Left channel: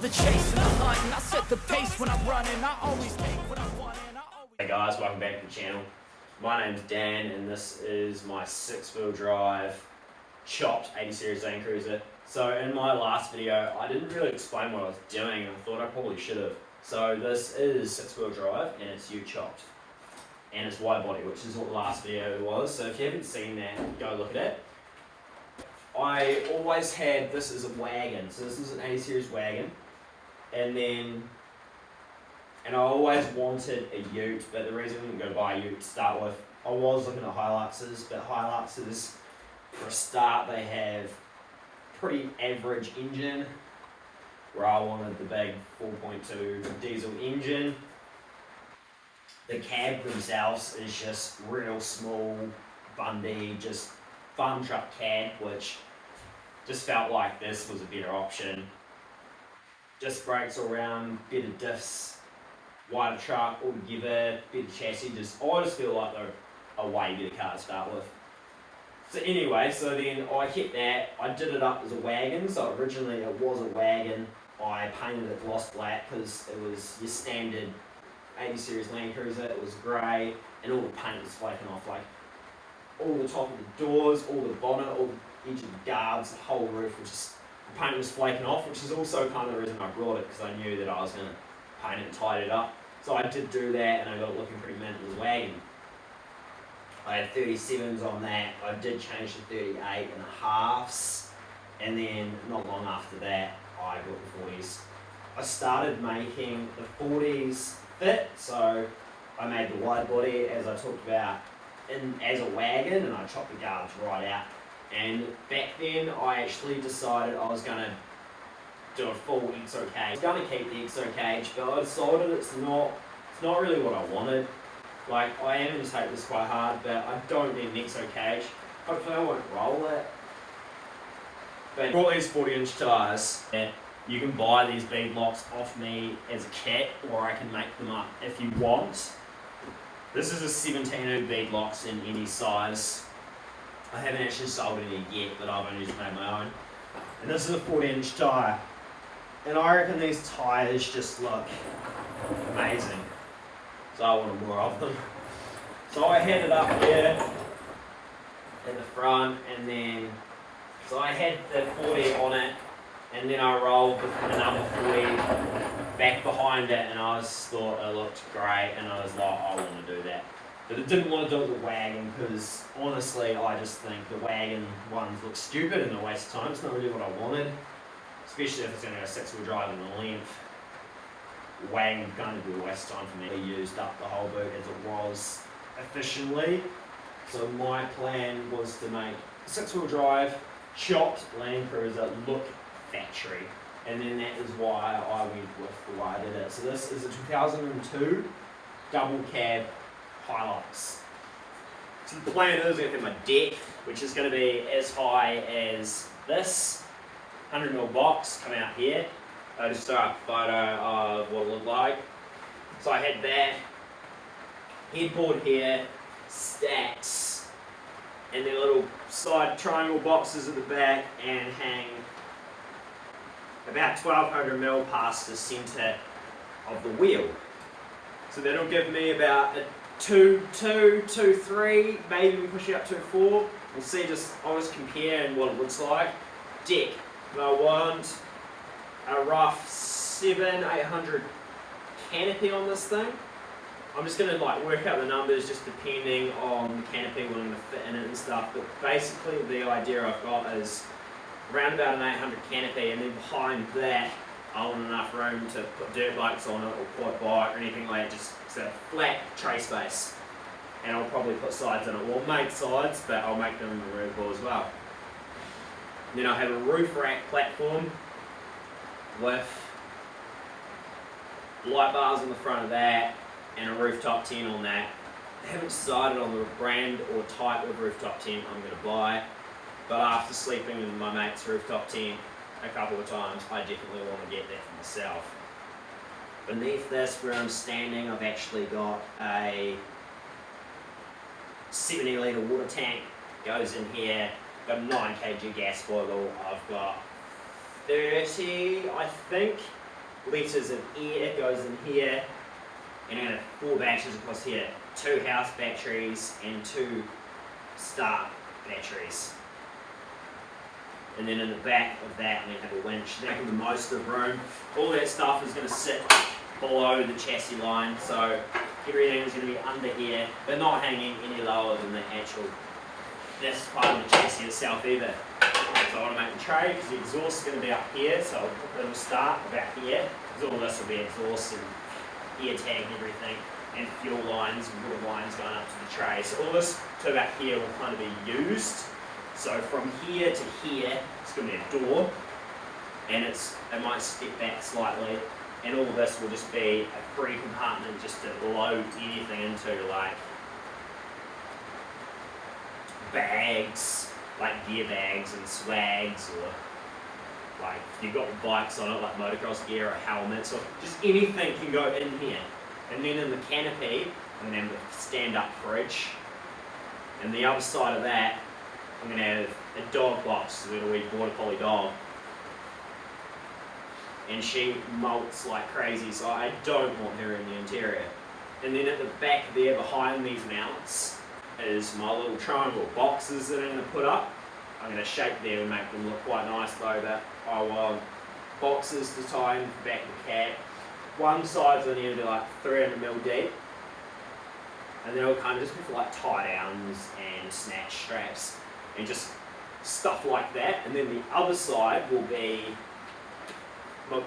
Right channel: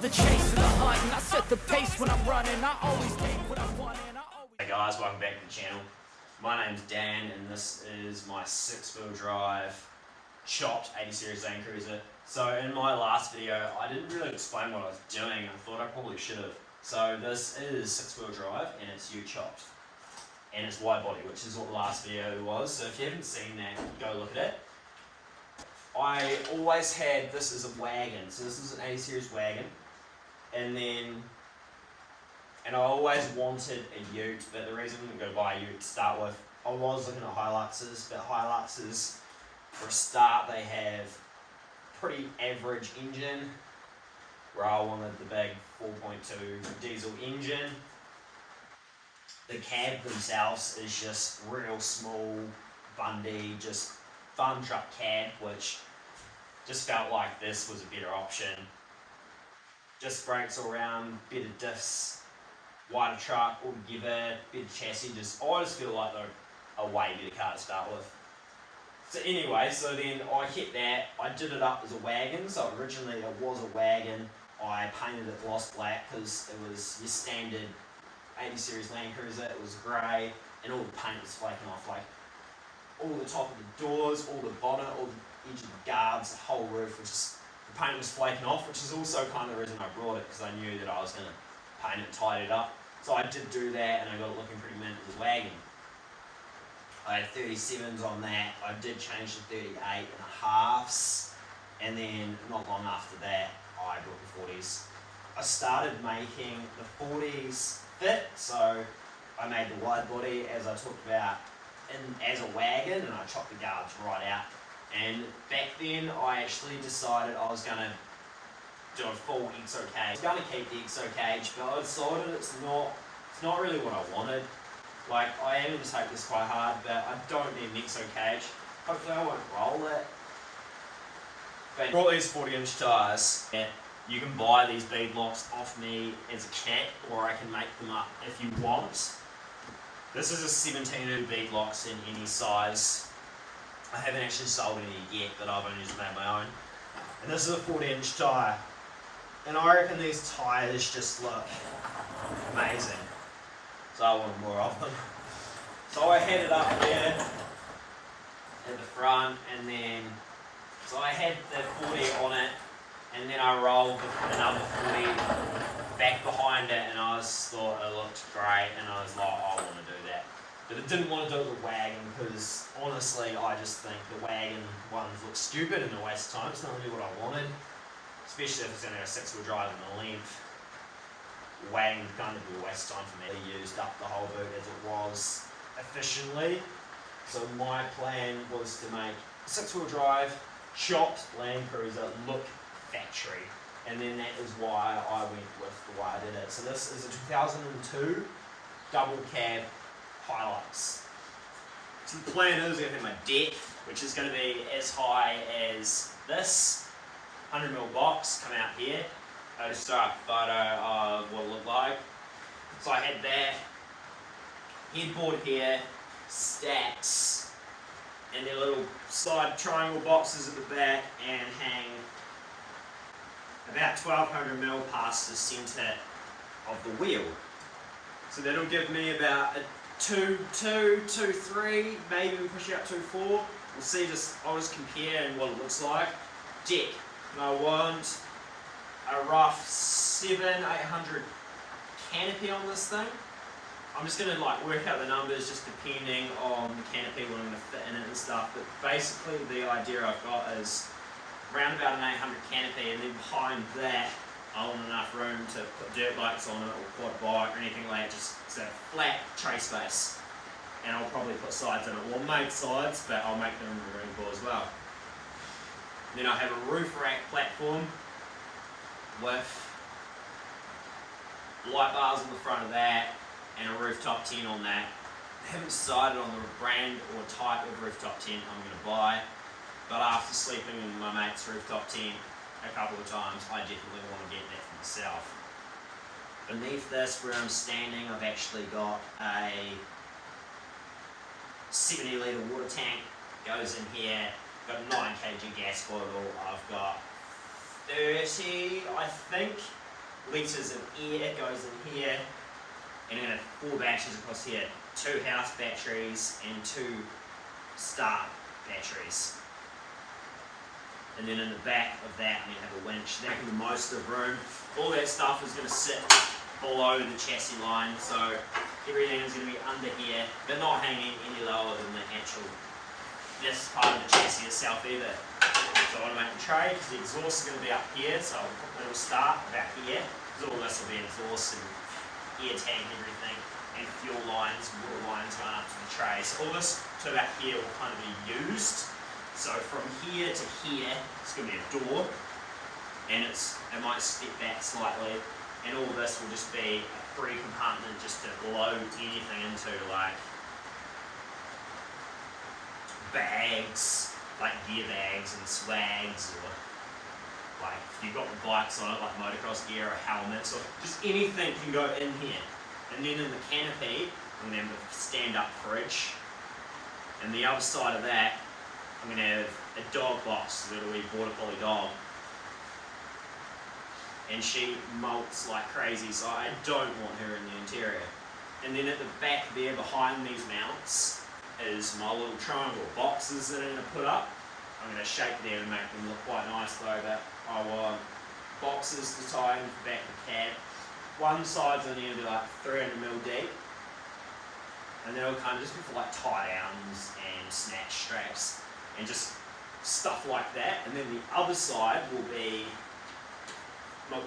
love the chase and the hunt, and I set the pace when I'm running. I always take what I want and I always... Hey guys, welcome back to the channel. My name's Dan and this is my 6-wheel drive chopped 80 series Land Cruiser. So in my last video I didn't really explain what I was doing and I thought I probably should have. So this is 6-wheel drive and it's chopped. And it's wide body, which is what the last video was. So if you haven't seen that, go look at it. I always had this as a wagon. So this is an 80 series wagon. And I always wanted a ute, but the reason I didn't go buy a ute to start with, I was looking at Hiluxes, but Hiluxes, for a start, they have pretty average engine, where I wanted the big 4.2 diesel engine. The cab themselves is just real small, bundy, just fun truck cab, which just felt like this was a better option. Disc brakes all around, better diffs, wider truck altogether, better chassis. I just feel like they're a way better car to start with. So anyway, so then I kept that. I did it up as a wagon. So originally it was a wagon. I painted it gloss black because it was your standard 80 series Land Cruiser. It was grey and all the paint was flaking off. Like all the top of the doors, all the bonnet, all the edge of the guards, the whole roof was just, the paint was flaking off, which is also kind of the reason I brought it, because I knew that I was going to paint it and tidy it up. So I did do that and I got it looking pretty mint as a wagon. I had 37s on that. I did change to 38 and a halves, and then not long after that I got the 40s. I started making the 40s fit, so I made the wide body as I talked about as a wagon, and I chopped the guards right out. And back then I actually decided I was going to do a full exo cage. I was going to keep the exo cage, but I decided it's not really what I wanted. Like, I am going to take this quite hard, but I don't need an exo cage. Hopefully I won't roll it. But I brought these 40-inch tyres. You can buy these bead locks off me as a kit, or I can make them up if you want. This is a 17-inch bead locks in any size. I haven't actually sold any yet, but I've only just made my own. And this is a 40-inch tyre. And I reckon these tyres just look amazing. So I wanted more of them. So I had it up here at the front, and then, so I had the 40 on it, and then I rolled the number 40 back behind it, and I just thought it looked great, and I was like, I want to do that. But I didn't want to do it with the wagon, because honestly I just think the wagon ones look stupid and a waste of time. It's not really what I wanted, especially if it's going to have a 6-wheel drive in the length. The wagon's going to be a waste of time for me. I used up the whole boot as it was efficiently. So my plan was to make a 6-wheel drive, chopped Land Cruiser look factory. And then that is why I went with the way I did it. So this is a 2002 double cab Hilux. So the plan is I'm going to have my deck, which is going to be as high as this 100mm box, come out here. I just throw up a photo of what it looked like. So I had that, headboard here, stacks, and then little side triangle boxes at the back, and hang about 1200mm past the centre of the wheel. So that'll give me about a 2.2, 2.3, maybe we push it up to 2.4. We'll see, I'll just compare and what it looks like. Deck, I want a rough 700-800 canopy on this thing. I'm just going to work out the numbers just depending on the canopy when I'm going to fit in it and stuff, but basically the idea I've got is around about an 800 canopy, and then behind that I want enough room to put dirt bikes on it or quad bike or anything like that, just a flat tray space. And I'll probably put sides in it. Well, I'll make sides, but I'll make them removable as well. And then I'll have a roof rack platform with light bars on the front of that and a rooftop tent on that. I haven't decided on the brand or type of rooftop tent I'm going to buy, but after sleeping in my mate's rooftop tent a couple of times, I definitely want to get that for myself. Beneath this, where I'm standing, I've actually got a 70 litre water tank, goes in here, got a 9 kg gas bottle, I've got 30, I think, litres of air goes in here, and I'm going to have 4 batteries across here, 2 house batteries and 2 start batteries. And then in the back of that, I'm going to have a winch, making the most of the room. All that stuff is going to sit below the chassis line, so everything is going to be under here, but not hanging any lower than the actual, this part of the chassis itself either. So I want to make the tray, because the exhaust is going to be up here, so I'll put the little start about here, because all this will be exhaust and air tag and everything, and fuel lines and water lines going up to the tray. So all this to about here will kind of be used. So from here to here, it's going to be a door, and it might step back slightly, and all this will just be a free compartment just to load anything into, like bags, like gear bags and swags, or like if you've got bikes on it, like motocross gear or helmets, or just anything can go in here. And then in the canopy, I'm going to have a stand-up fridge, and the other side of that, I'm going to have a dog box, a little wee border collie dog. And she molts like crazy, so I don't want her in the interior. And then at the back there, behind these mounts, is my little triangle boxes that I'm going to put up. I'm going to shape them and make them look quite nice though, but I want boxes to tie in the back of the cab. One side's only going to be like 300mm deep, and then it'll kind of just be for like tie downs and snatch straps and just stuff like that. And then the other side will be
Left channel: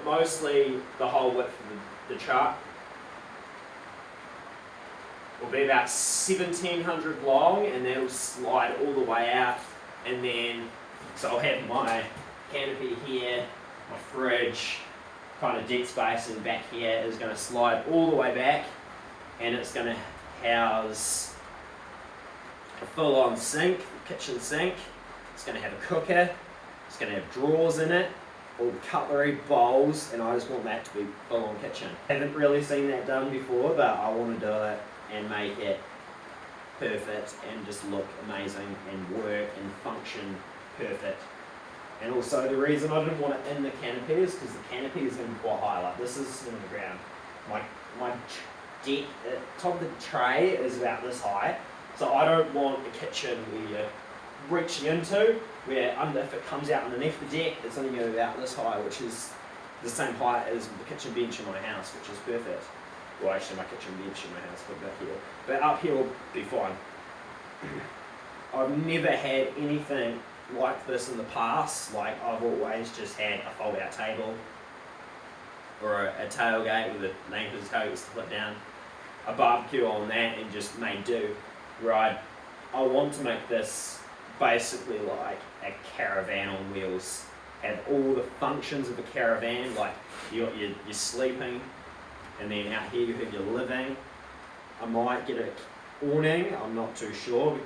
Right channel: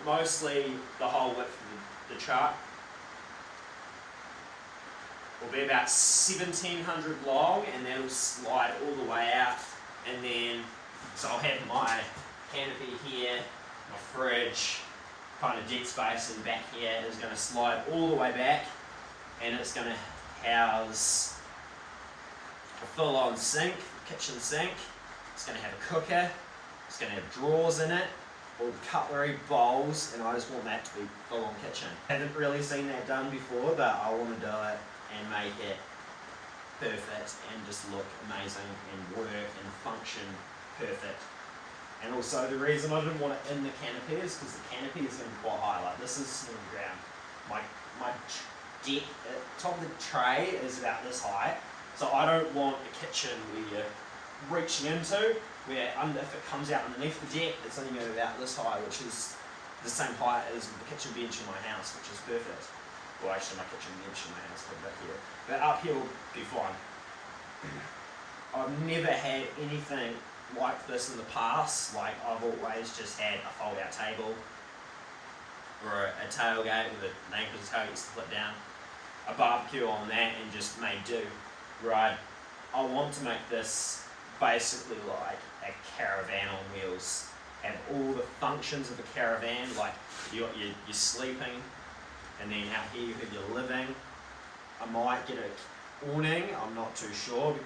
mostly the whole width of the truck. Will be about 1700 long, and that'll slide all the way out. And then, so I'll have my canopy here, my fridge, kind of dead space, and back here is going to slide all the way back, and it's going to house a full-on sink, kitchen sink. It's going to have a cooker, it's going to have drawers in it, all the cutlery, bowls, and I just want that to be full-on kitchen. I haven't really seen that done before, but I want to do it and make it perfect and just look amazing and work and function perfect. And also the reason I didn't want it in the canopy is because the canopy is going to be quite high, like this is in the ground. My deck, the top of the tray is about this high, so I don't want a kitchen where you're reaching into, where if it comes out underneath the deck, it's only going to be about this high, which is the same height as the kitchen bench in my house, which is perfect. Well, actually my kitchen bench in my house, but back here. But up here will be fine. I've never had anything like this in the past. Like, I've always just had a fold-out table or a tailgate with a anchor tailgate to put down, a barbecue on that, and just made do. Right, I want to make this basically like a caravan on wheels. Have all the functions of a caravan, like you got your sleeping, and then out here you have your living. I might get an awning, I'm not too sure.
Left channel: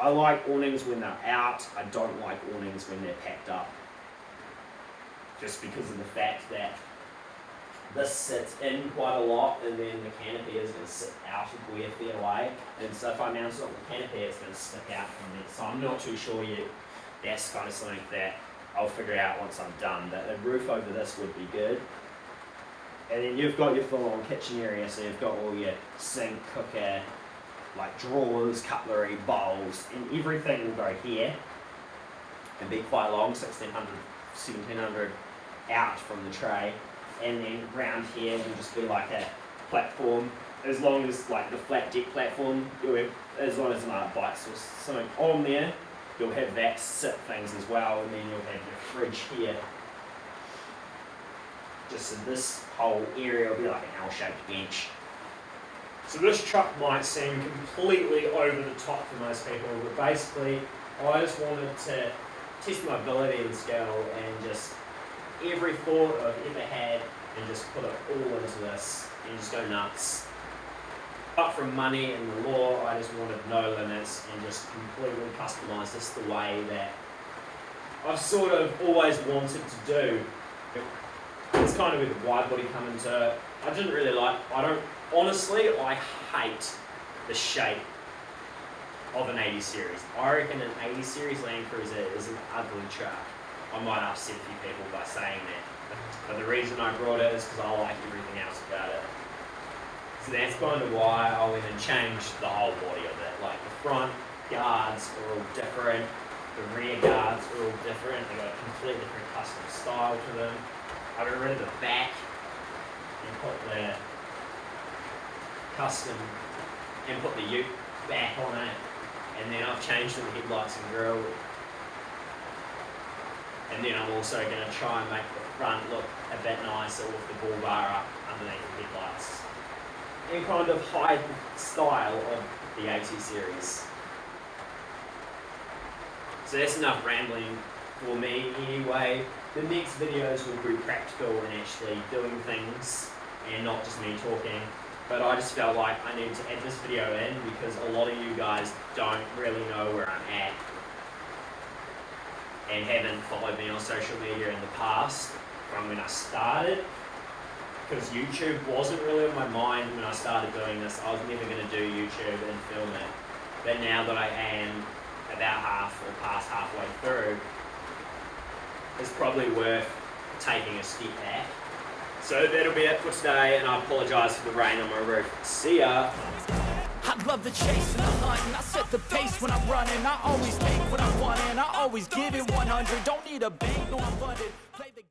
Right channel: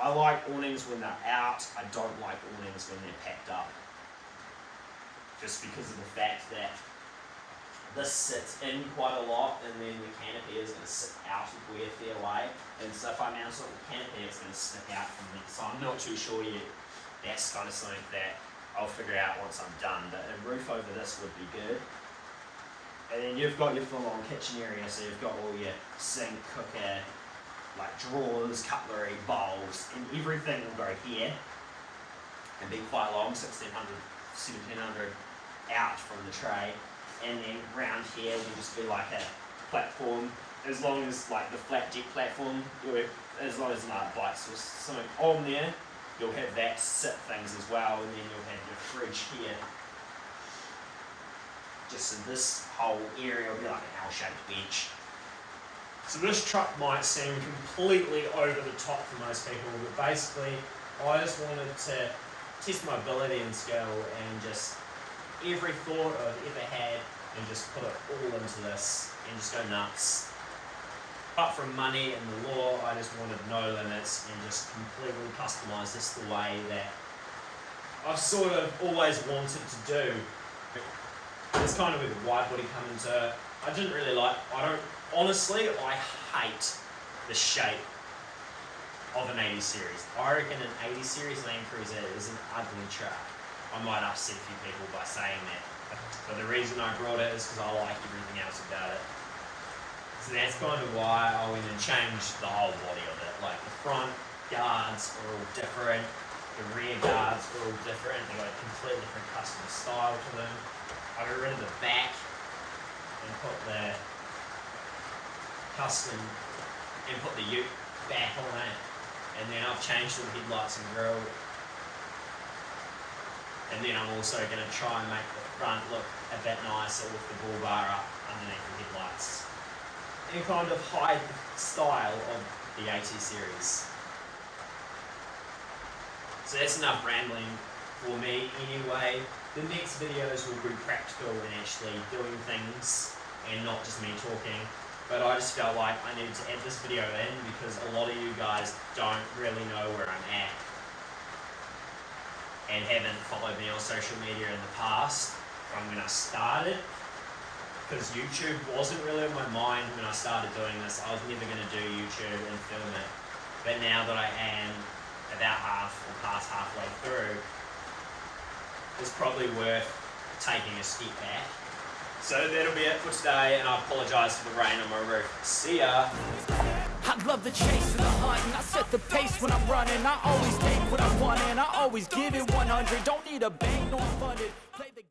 I like awnings when they're out, I don't like awnings when they're packed up. Just because of the fact that this sits in quite a lot, and then the canopy is going to sit out of where fair away. And so if I mount it on the canopy, it's going to stick out from there. So I'm not too sure yet. That's kind of something that I'll figure out once I'm done. But a roof over this would be good. And then you've got your full-on kitchen area, so you've got all your sink, cooker, like drawers, cutlery, bowls, and everything will go here and be quite long, 1600, 1700 out from the tray. And then round here will just be like a platform, as long as like the flat deck platform, as long as my bikes or something on there, you'll have that sit things as well, and then you'll have your fridge here. Just so this whole area will be like an L-shaped bench. So this truck might seem completely over the top for most people, but basically I just wanted to test my ability and skill, and just every thought I've ever had, and just put it all into this and just go nuts. Apart from money and the law, I just wanted no limits and just completely customise this the way that I've sort of always wanted to do. It's kind of where the wide body come into it. I didn't really like, honestly, I hate the shape of an 80 series. I reckon an 80 series Land Cruiser is an ugly truck. I might upset a few people by saying that, But the reason I brought it is because I like everything else about it. So that's kind of why I went and changed the whole body of it. Like the front guards are all different, the rear guards are all different. They got a completely different custom style to them. I got rid of the back and put the custom and put the ute back on it. And then I've changed all the headlights and grille. And then I'm also going to try and make the front look a bit nicer with the bull bar up underneath the headlights. And kind of hide the style of the AT series. So that's enough rambling for me anyway. The next videos will be practical and actually doing things and not just me talking. But I just felt like I needed to add this video in because a lot of you guys don't really know where I'm at and haven't followed me on social media in the past from when I started. Because YouTube wasn't really on my mind when I started doing this. I was never going to do YouTube and film it. But now that I am about half or past halfway through, it's probably worth taking a step back. So that'll be it for today, and I apologise for the rain on my roof. See ya! I love the chase and the hunt, and I set the pace when I'm running. I always take what I want, and I always give it 100. Don't need a bank, no, I'm funded. Play the